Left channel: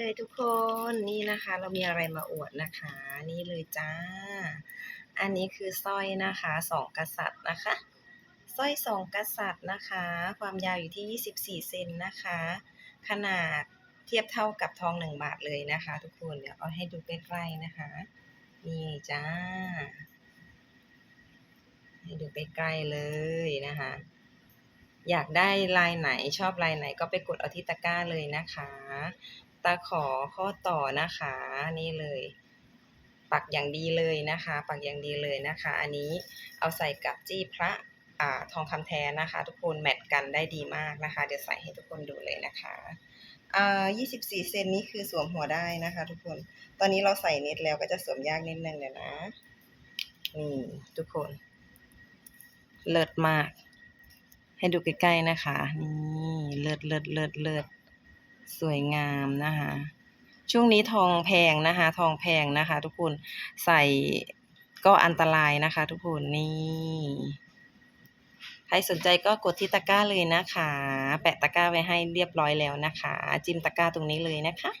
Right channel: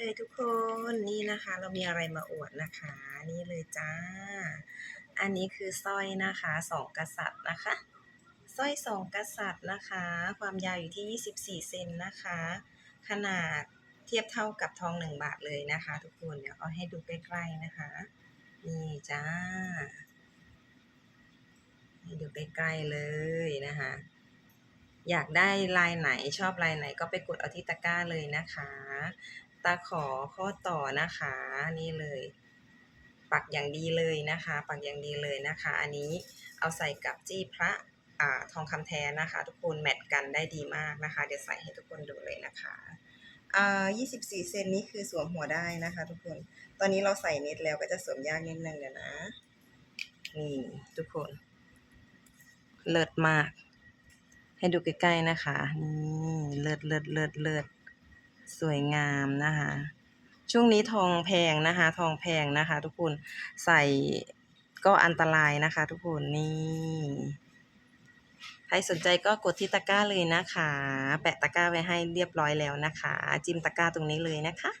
เลยทุกคนนี่นะคะเรามีอะไรมาอวดนะคะ นี่เลยจ้า อันนี้คือสร้อยนะคะสองกษัตริย์นะคะสร้อยสองกษัตริย์นะคะ ความยาวอยู่ที่ 24 เซนนะคะ ขนาดเทียบเท่ากับทองหนึ่งบาทเลยนะคะ ทุกคนเดี๋ยวเอาให้ดูใกล้ๆนะคะ นี่จ้า ให้ดูใกล้ๆเลยนะคะ อยากได้ลายไหนชอบลายไหนก็ไปกดเอาที่ตะกร้าเลยนะคะ ตาขอข้อต่อนะคะ นี่เลย ปักอย่างดีเลยนะคะ ปักอย่างดีเลยนะคะ อันนี้เอาใส่กับจี้พระอ่าทองคำแท้นะคะ ทุกคนแมทกันได้ดีมากนะคะ เดี๋ยวใส่ให้ทุกคนดูเลยนะคะอ่า24 เซนนี้คือสวมหัวได้นะคะ ทุกคน ตอนนี้เราใส่เน็ตแล้วก็จะสวมยากนิดนึงเดี๋ยวนะ นี่ทุกคน เลิศมาก ให้ดูใกล้ๆนะคะ นี่ เลิศเลิศเลิศเลิศ สวยงามนะคะ ช่วงนี้ทองแพงนะคะ ทองแพงนะคะ ทุกคนใส่ก็อันตรายนะคะ ทุกคนนี่ใครสนใจก็กดที่ตะกร้าเลยนะคะ แปะตะกร้าไว้ให้เรียบร้อยแล้วนะคะ จิ้มตะกร้าตรงนี้เลยนะคะ